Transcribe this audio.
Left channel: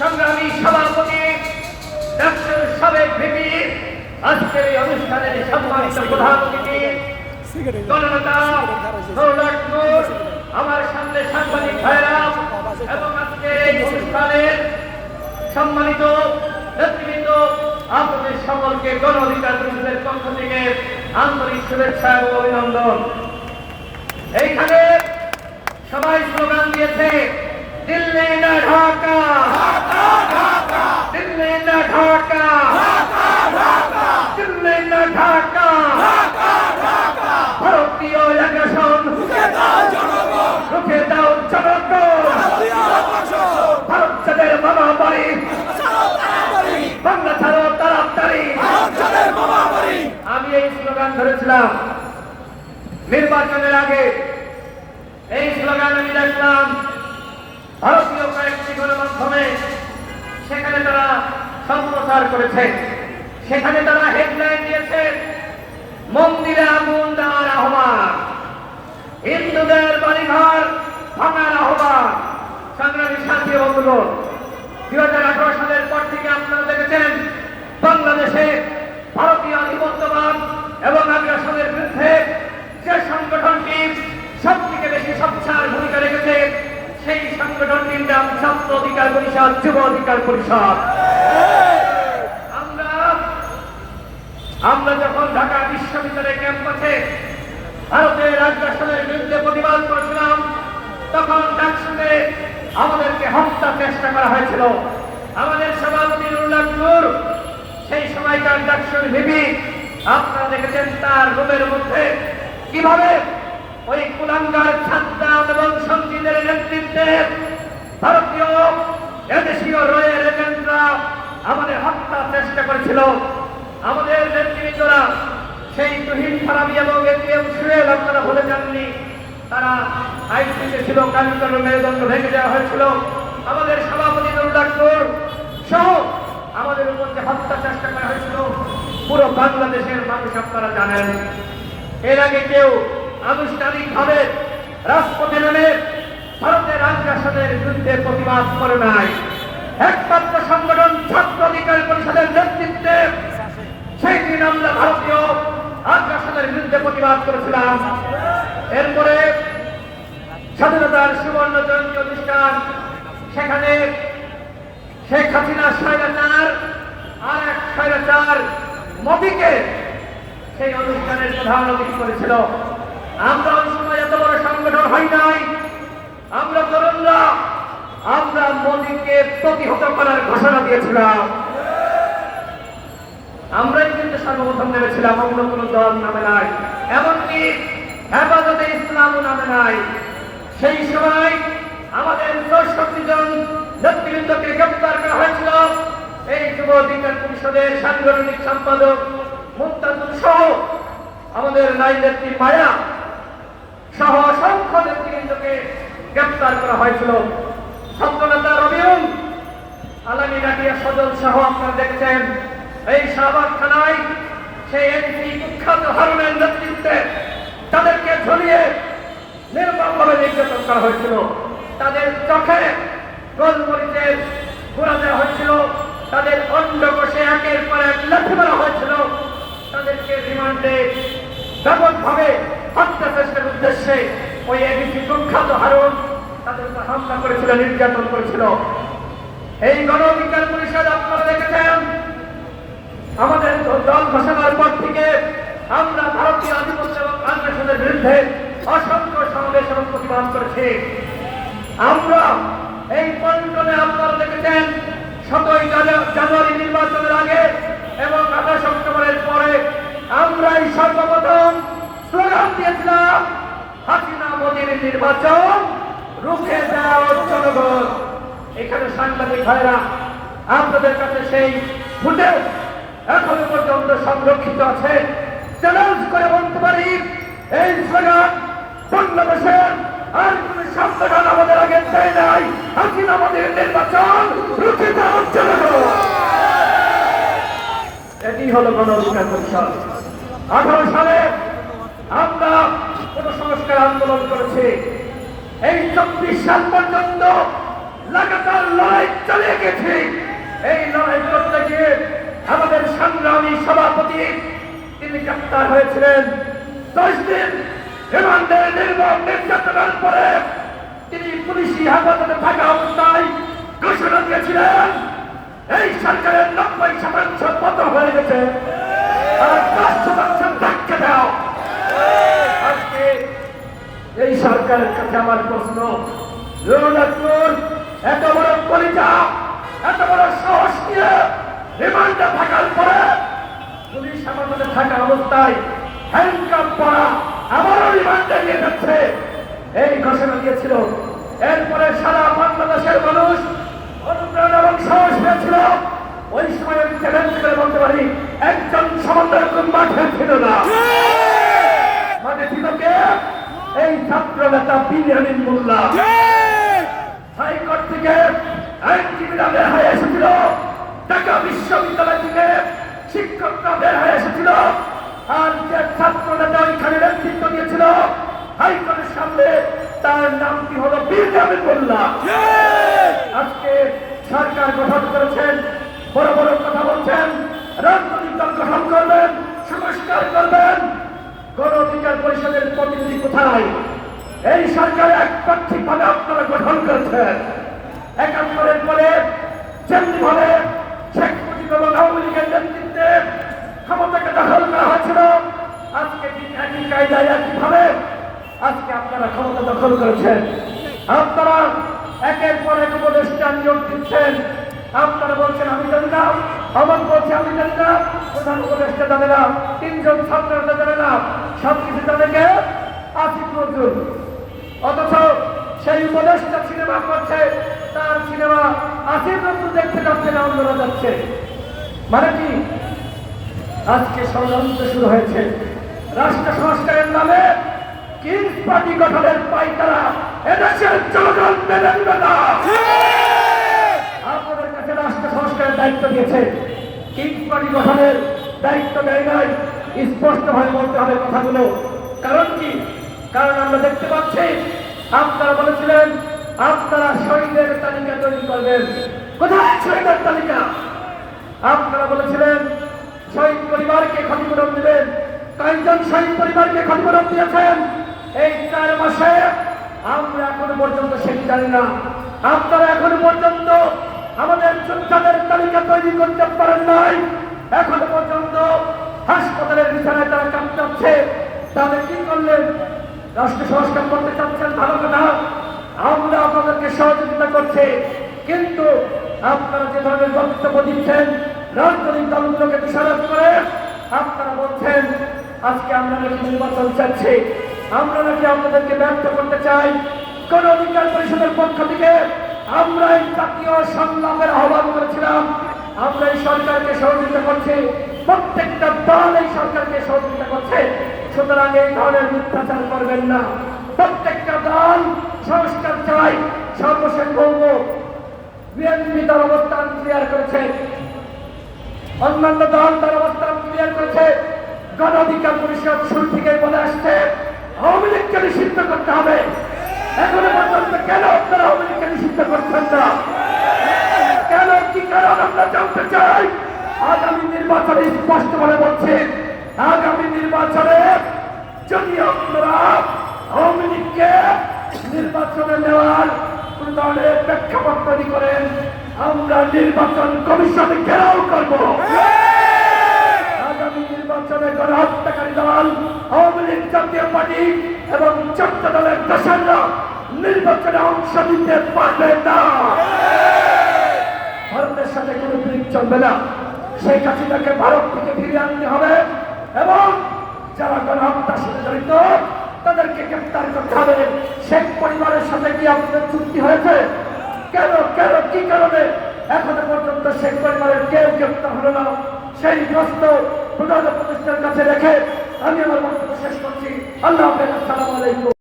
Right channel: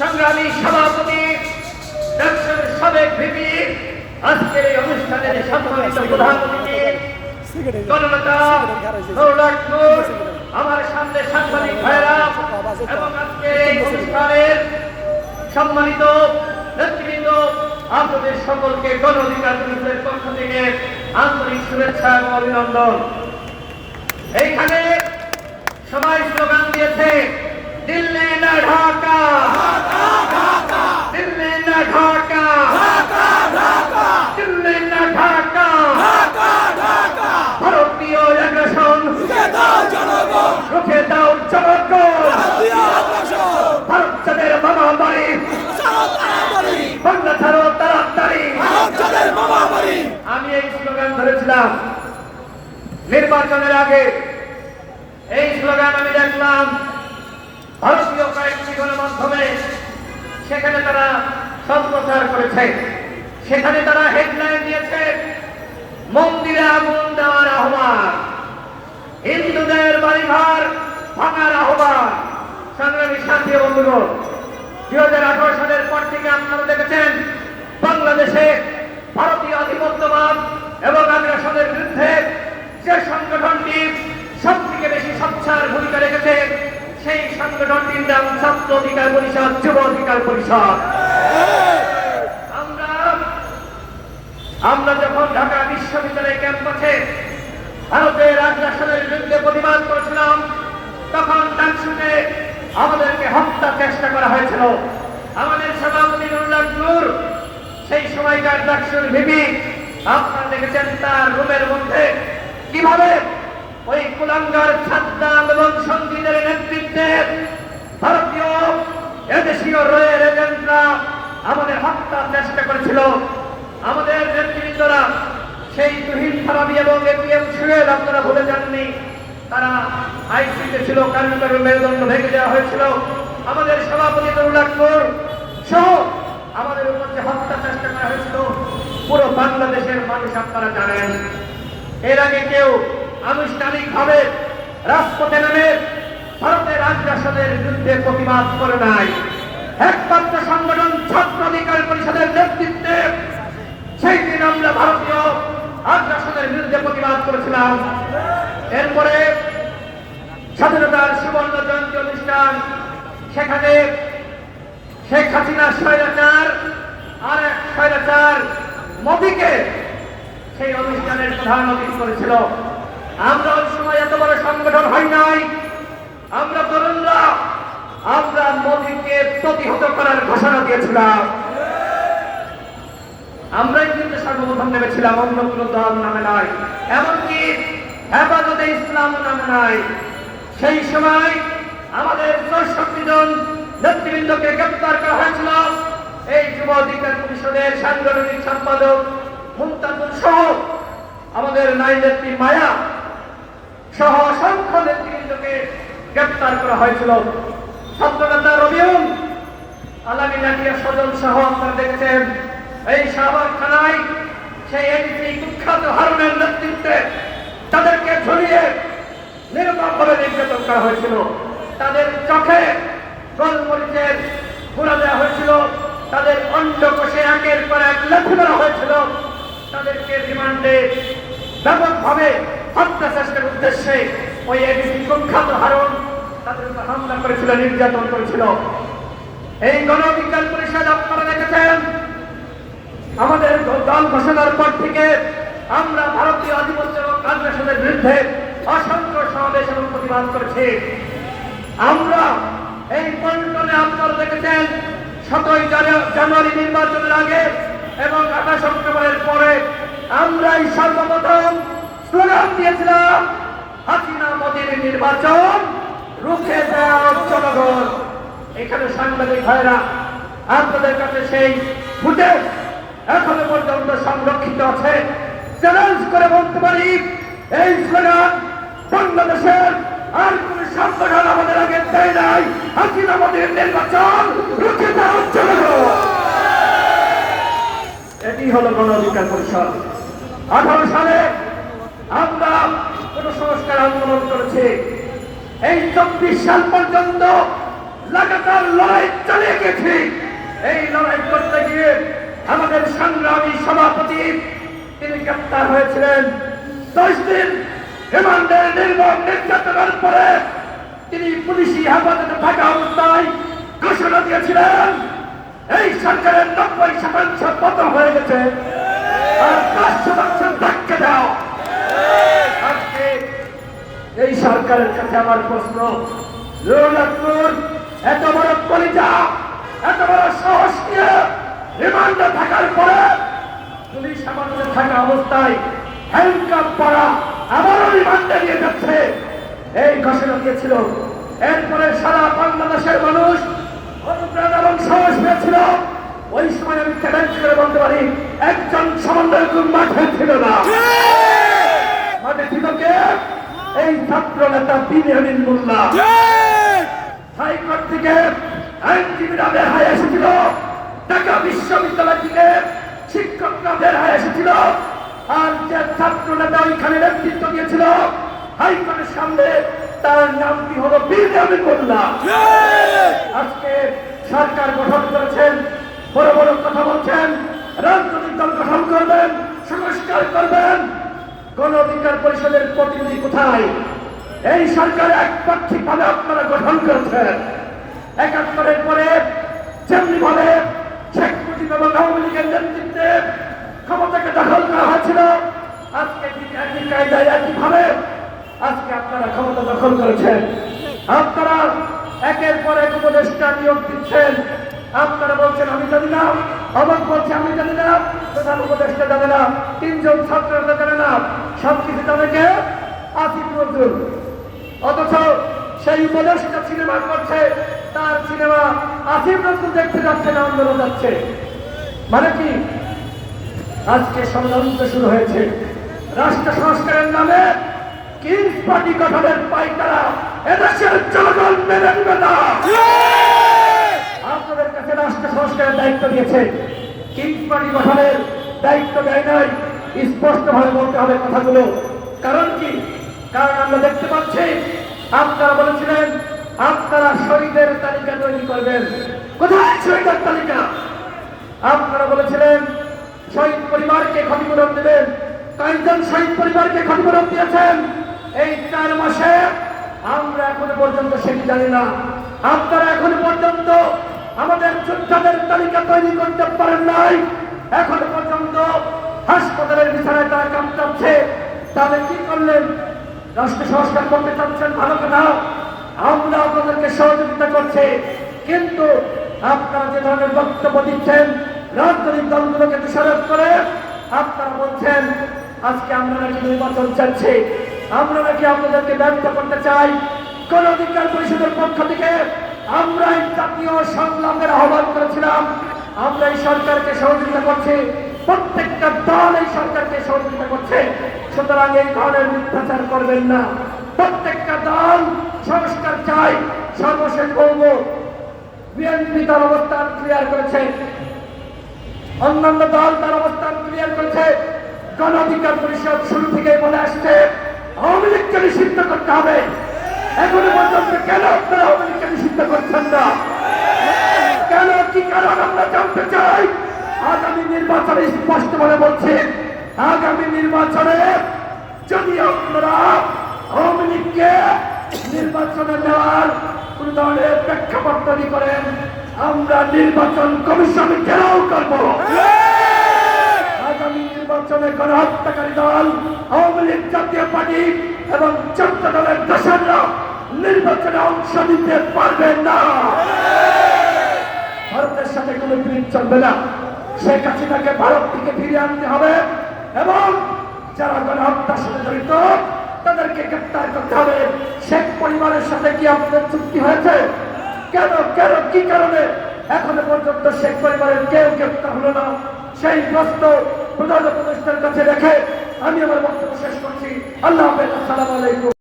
সংগ্রামী সভাপতি, ডাক্তার সাবেক ভিপি, আজকের এই অনুষ্ঠানের সম্মানিত প্রধান আমার সামনে সাংবাদিক ভাইরা, এবং আজকের সম্মানিত নেতৃবৃন্দ সকলকে গণ পক্ষ থেকে আন্তরিক শুভেচ্ছা ও এইখানে সবাই স্লোগান দিয়েছে দিল্লি না ঢাকা। দিল্লি না ঢাকা। দিল্লি না ঢাকা। ভারতীয় দাও জনগণ। ভারত চাঁদের মনোমারি ছাড়ো তাড়াতাড়ি। আমি এই স্লোগান ধরেছিলাম। নির্বাচনের আগে এই স্লোগান আমি সেখানে তারা সম্প্রচার করেছে। সেখানে তারা হেডলাইন দিয়েছে, মন্দিরে আগুন দেওয়ার আহ্বান। হিন্দুদের বাড়িঘর ভাঙার আহ্বান। সংগ্রামী সাথী বন্ধুগণ দুই হাজার আঠারো সালের পর থেকে আপনারা দেখেছেন, বাংলাদেশে ভারতীয় আধিপত্যবাদ এবং আগ্রাসনের বিরুদ্ধে যে সংগঠনটি সব থেকে বেশি সচ্ছার ভূমিকা রেখেছে সেই সংগঠনটির নাম ছাত্র অধিকার পরিষদ, যুব অধিকার পরিষদ। আমরা আমরা যখন ঢাকা বিশ্ববিদ্যালয় ক্যাম্পাসে ভারতের আগ্রাসনের বিরুদ্ধে প্রতিবাদ করেছিলাম, তখন ডাকসুকে আমাদেরকে হত্যা চেষ্টা করা হয়েছিল। আমাদের সভাপতি নুরুল্লাহ নূর, সেই সময়কার ডাকসুর ভিবি আপনারা দেখেছেন তার রুমের মধ্যে কীভাবে ওই কুলাঙ্গার ছাত্রাম এবং সঙ্গীদের নেতৃত্বে ভারতীয় এদেশীয় রয়ের এজেন্টরা আমাদের হত্যার চেষ্টা করেছিল। আমাদের নেতৃবৃন্দরা সেই তুহিন ফারাবি এবং এটিএম সুয়েল আপনারা ভুলে যাননি। তারা আইসিতে ছিল, কারিগর মেরুদণ্ড ভেঙে দেওয়া হয়েছিল। আমাদের সভাপতি নূর সহ আমাদের উপর যে হত্যা চেষ্টা করা হয়েছিল। পুরো বাংলাদেশের মানুষ আপনারা জানেন। এর আগে কেউ আনুষ্ঠানিকভাবে রাজপথে নেমে ভারতের আগ্রাসনের বিরুদ্ধে প্রতিবাদ করে নাই। একমাত্র সংগঠন ছাত্র অধিকার পরিষদের নেতৃত্বে সেই দিন আমরা ভারতীয় আগ্রাসনের বিরুদ্ধে প্রতিবাদ করেছিলাম। এরপরে স্বাধীনতার সুবর্ণ জয়ন্তী অনুষ্ঠান, সেখানে শেখ হাসিনা স্বৈরাচার আর এক স্বৈরাচার মোদীকে সেই অনুষ্ঠানের প্রধান অতিথি করেছিল। আমরা ওই সময় এত বড় সংগঠন হই নাই। আমরা তরুণরা, আমরা মোদীকে প্রতিহত করার ঘোষণা দিয়েছিলাম। আমরাই কিন্তু সর্বপ্রথম নেমেছিলাম, অন্য কোনো দল নামে নাই। এমনকি হেফাজতে ইসলাম নামে নাই। সেই সময় আমাদের চৌষট্টি জন নেতৃবৃন্দকে গ্রেপ্তার করা হয়েছিল। এই যুব অধিকার পরিষদের সাংগঠনিক সম্পাদক মুক্তাদুল সহ আমাদের নাই নেত্রী মায়া সহ অসংখ্য নেতৃবৃন্দকে গ্রেপ্তার করা হয়েছিল। ছাত্রনেতা রবিউল আলামী নাটিয়া সদন সহ আপনারা দেখেছেন। এই শাহবাগ থানায় সেই এডিসি কুখ্যাত হারুনের নেতৃত্বে তাদেরকে ঝুলিয়ে নির্মমভাবে নির্যাতন করা হয়েছিল। তাদের চোখে গোলমরিচের ঘোরা দেওয়া হয়েছিল। তাদের অন্ডকোষে একের পর এক লাথি মারা হয়েছিল। তাদেরকে রিমান্ডে ব্যাপকভাবে হত্যা চেষ্টার উদ্দেশ্যে ওই এডিসি কুখ্যাত হারুন তাদের হামলা করেছিল, নির্যাতন করেছিল। এই গণ অধিকার পরিষদ আপনারা দেখেছেন? আমাদের দল ঘোষণার পর থেকে আমরা ভারতীয় আধিপত্য এবং আগ্রাসনের বিরুদ্ধে অসংখ্য সমাবেশ এবং প্রতিবাদ করেছি। আমরা এই পল্টনে আপনারা দেখেছেন, সতই জানুয়ারি নির্বাচনের আগে এবং আঠাশ অক্টোবরের পরে হাসিনা মোদীর নির্বাচন, রুখে দেওয়া জনগণ। এখানে সাংবাদিক ভাইরা, আপনাদের কাছে সেই ফুটেজ এখনও পর্যন্ত সংরক্ষিত আছে। চ্যালেঞ্জ করে বলতে পারি, এই স্লোগান বাংলাদেশের আর কোন সংগঠন আমাদের আগে দেয় নাই। হাসিনা আমাদের নির্বাচন, রুখে দেওয়ার জন্য এটি হলো গণ অধিকার পরিষদ। আঠারো সালে আমরা সংস্কার আন্দোলন করেছি। এই চব্বিশ সাল পর্যন্ত লাগাতার লড়াই চালিয়ে গেছি। এই লড়াই করতে গিয়ে আমাদের সংগ্রামী সভাপতি তিনি গ্রেপ্তার হয়েছিলেন। দশ দিন রিমান্ডে নির্মম নির্যাতনের পরে তিনি পুলিশি হেফাজতে থাকা অবস্থায় ঘোষণা দিয়েছিলেন, এই সরকারের নব্বই শতাংশ পতন হয়ে গেছে। এই সরকারের কাছে আমার প্রশ্ন, রঘুনাথপুর, এত বড় কলিজা এত বড় সাহস নিয়ে রিমান্ডে থাকার পরে পুলিশ আমাদের থাকা অবস্থায় হ্যান্ডকাপ পরা আবারও রিমান্ডে নিয়ে যাচ্ছে। এই ঘোষণা দিয়েছিল। এরপরে সারা বাংলাদেশের মানুষ অনুপ্রেরণা এবং সাহস পেয়েছিল। ওই সময় আমি চ্যালেঞ্জ করে বলতে পারি, একজন সমন্বয়ক মাঠে ছিল না। কে এই ছাত্র নেতা বিনিয়ামিন মোল্লা হাইকোর্ট থেকে আইনজীবীরা বের হয়ে এসেছিল। ঢাকা বিশ্ববিদ্যালয় থেকে শিক্ষকরা বের হয়ে এসেছিল। আর যে ছাত্র নেতা ওইখানে নেতৃত্ব দিয়েছিল হাইকোর্টের সামনে তার নামটি হলো বিনিয়ামিন মোল্লা। পরিষদের প্রতিনিধি কোথায়? এই সরকার একপাক্ষিক ভাবে আপনারা গঠন করেছেন। একাত্তরের পরে যেমনি ভাবে শেখ মুজিব এবং আওয়ামী লীগের নেতৃত্বে ক্ষমতাকে দখল করা হয়েছিল। আজকে একই কায়দায়, একইভাবে আজকে আপনারা ক্ষমতা দখল করেছেন। আপনারা একের পর এক উপদেষ্টা নিয়োগ দিচ্ছেন। আপনারা বলছেন, আমি জানি না। অমক বলছে, আমি জানি না। প্রধান উপদেষ্টা যাবে না। তিনজন ছাত্র যাবে না সব কিছু জানে কে আসিফ নজরুল। অথচ সেই উপদেষ্টা সিনেমা করছে, তার সিনেমা আসিফ নজরুল দেখতে যাচ্ছে না, আন্দোলন যাচ্ছে। মানে কি? আজকে ষড়যন্ত্র শুরু হয়েছে। রাষ্ট্র সংস্কারের নামে কিংস পার্টি গঠনের পাইকারা এদেশের জনগণ মেনে নেবে না। আপনাদের কাছে রাষ্ট্র সংস্কারের দায়িত্ব দিয়েছে। কিংস পার্টি গঠনের দায়িত্ব দেয় নাই। স্পষ্ট ভাবে বলতে হবে কথাগুলো। কারণ কি? কারণ আমরা দেখতে পাচ্ছি, আপনারা বলেছিলেন, আপনারা শহীদের তালিকা তৈরি করবেন। কোথায় শহীদের তালিকা? আপনারা বলেছিলেন, শহীদ পরিবারকে ক্ষতিপূরণ দেবেন। কয়েকজন শহীদ পরিবারকে ক্ষতিপূরণ দিয়েছেন। এই চার মাসে আমরা এখনও পর্যন্ত সেটি জানি না। আপনারা এখনও পর্যন্ত আমাদের যোদ্ধাদের তালিকা তৈরি করতে পারেন নাই। এখনও পর্যন্ত তাদের কি করলেন? রাষ্ট্র সংস্কার করতে চাচ্ছেন ভালো কথা আমরা আপনাদেরকে সহযোগিতা করছি। কিন্তু আপনারা যে ধরনের বক্তব্য দিচ্ছেন, রাজনৈতিক দলগুলোকে দোষারোপ করে, আপনারা বলছেন, আজকে আমরা নাকি নির্বাচন চাচ্ছি। আমরা নাকি আপনাদেরকে ব্যর্থ করতে চাই। কোন অধিকার পরিষদের পক্ষ থেকে আমরা এই জাতীয় সংগ্রামের আহ্বান করেছিলাম। আমরা এই সরকারকে সহযোগিতা করছি। প্রত্যেকটা দল এই সরকারকে সহযোগিতা করছে। সুতরাং এই ধরনের মিথ্যাচার করবেন না। প্রত্যেকটা দল সংস্কার চাই, সর্বশেষ বলব, বিএনপি তার অবস্থান ক্লিয়ার করেছে। অন্যান্য দল তার অবস্থান ক্লিয়ার করেছে। গণ অধিকার পরিষদ শুরু থেকে বলে আসছে, আওয়ামী লীগকে নিষিদ্ধ করতে হবে। এখনও পর্যন্ত কেন আপনারা আওয়ামী লীগকে নিষিদ্ধ করছেন না? কেন, কি কারণ আমরা জানতে চাই? আগামী নির্বাচনে স্পষ্ট করে বলছি আগামী নির্বাচনে যদি আপনারা আওয়ামী লীগকে নির্বাচনে নেওয়ার কোন ধরনের প্রেক্ষাপট তৈরি করেন, আমরা নির্বাচন কমিশনে ঘেরাও করব। আগামী নির্বাচনে গণহত্যাকারী দল আওয়ামী লীগ জাতীয় পার্টি এবং চোদ্দ দলের দেশেরা নির্বাচনে অংশ নিতে পারবে না। ভারতের সাথে কোনো ফিল্ম চলবে না। শেখ হাসিনাকে ভারত থেকে ফিরিয়ে আনতে হবে। এবং যারা গণহত্যার সাথে জড়িত তাদেরকে গ্রেপ্তার করতে হবে। শেখ পরিবারের সাথে কি আপনাদের চুক্তি হয়েছে? কেন কেন, কি কারণে? এখনও পর্যন্ত শেখ পরিবারের কেউ গ্রেপ্তার হলো না। সেই প্রশ্ন প্রধান উপদেষ্টার কাছে রেখে আমি আমার বক্তব্য শেষ করছি। আল্লাহ আসসালামু আলাইকুম।